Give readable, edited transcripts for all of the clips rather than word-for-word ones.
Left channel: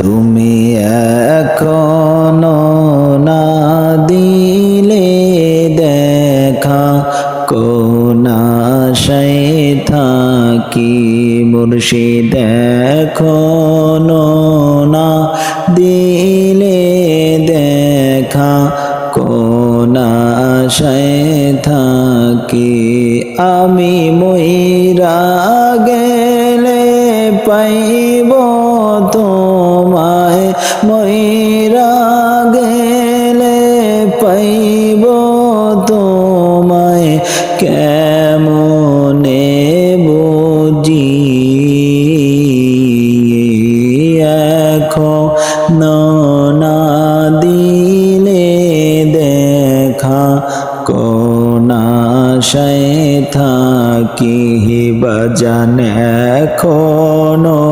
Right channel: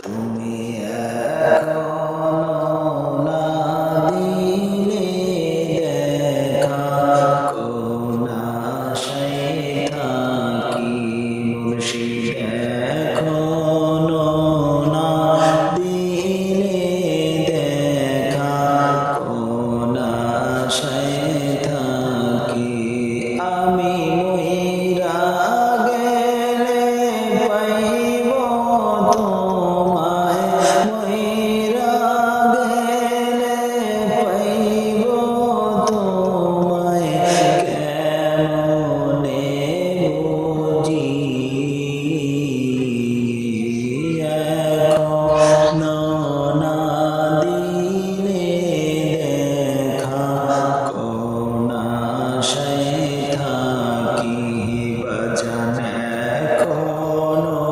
তুমি এখনো না দিলে দেখা, কোন আশায় থাকি মুর্শিদ, এখনো না দিলে দেখা, কোন আশায় থাকি। আমি মইরা গেলে পাইব তোমায়, মইরা গেলে পাইব তোমায়, কেমনে বুঝি এখনো না দিলে দেখা, কোন আশায় থাকি বাজান, এখনো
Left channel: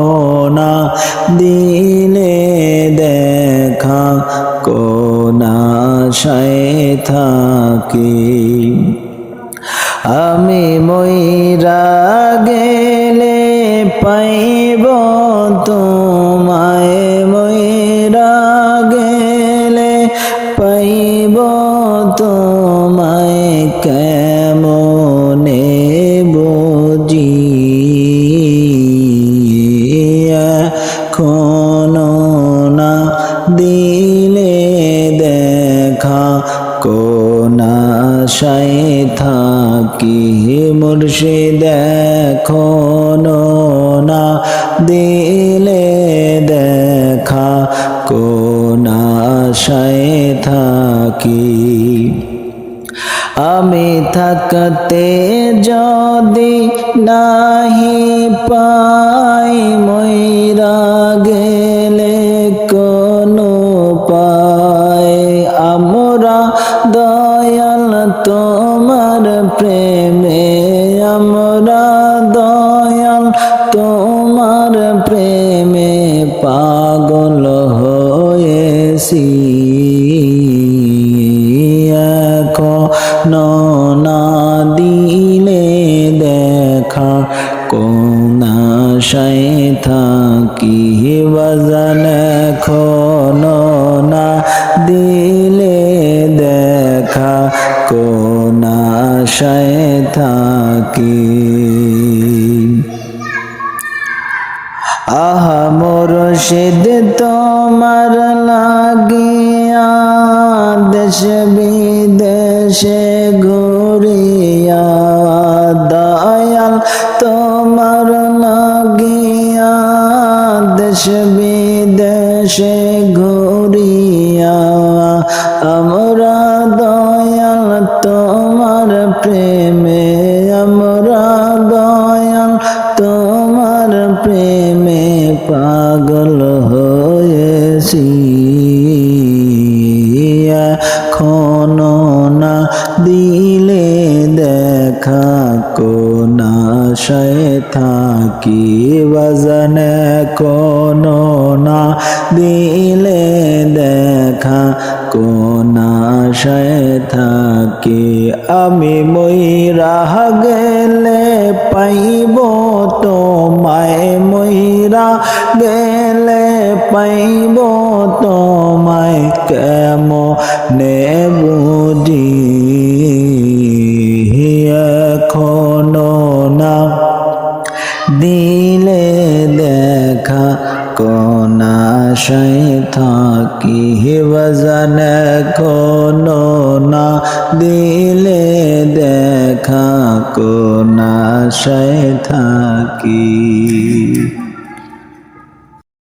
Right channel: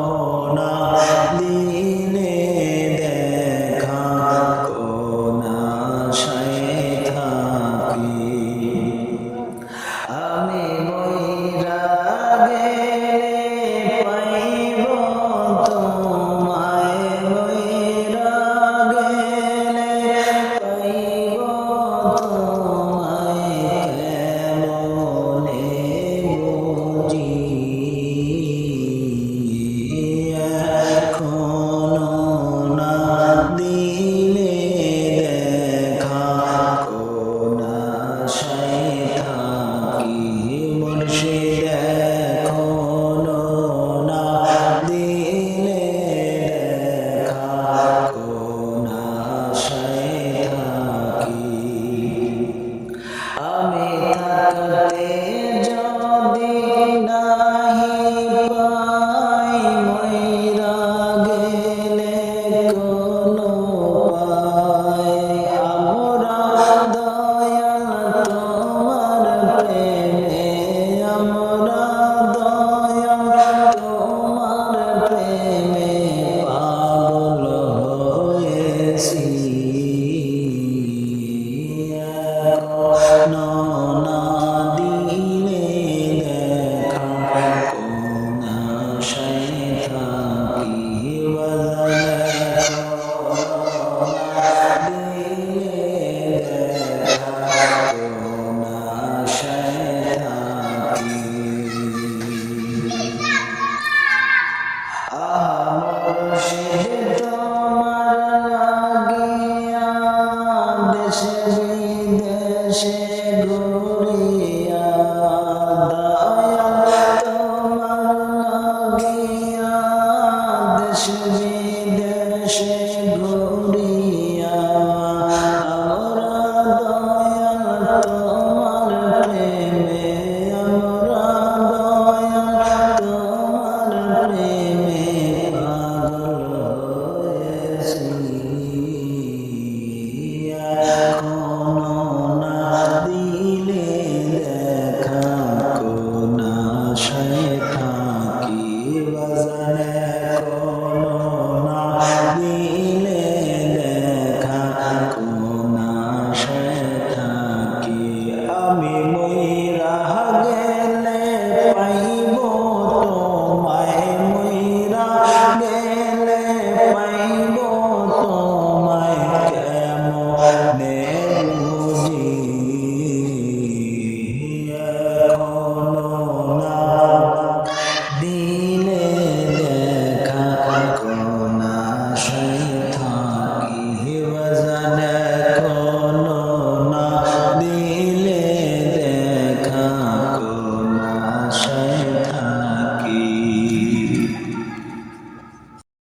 না দিলে দেখা, কোন আশায় থাকি। আমি মইরা গেলে পাইব তোমায়, মইরা গেলে পাইব তোমায়, কেমনে বুঝি এখনো না দিলে দেখা, কোন আশায় থাকি মুর্শিদ, এখনো না দিলে দেখা, কোন আশায় থাকি। আমি থাকতে যদি নাহি পাই, মইরা গেলে কোন পাই, আমরা দয়াল তোমার প্রেমে, আমরা দয়াল তোমার প্রেমে পাগল হয়েছি, এখনো না দিলে দেখা, কোন আশায় থাকি বাজান, এখনো না দিলে দেখা, কোন আশায় থাকি। আহা মুর্শিদ তোমার লাগিয়া দেশ বিদেশে ঘুরিয়া, দয়াল তোমার লাগিয়া দেশ বিদেশে ঘুরিয়া, আমরা দয়াল তোমার প্রেমে, আমরা দয়াল তোমার প্রেমে পাগল হয়েছি, এখনো না দিলে দেখা, কোন আশায় থাকি বাজান, এখনো না দিলে দেখা, কোন আশায় থাকি। আমি মইরা গেলে পাইব তোমায়, মইরা গেলে পাইব তোমায়, কেমনে বুঝি এখনো না দিলে দেখা, কোন আশায় থাকি বাজান, এখনো না দিলে দেখা, কোন আশায় থাকি।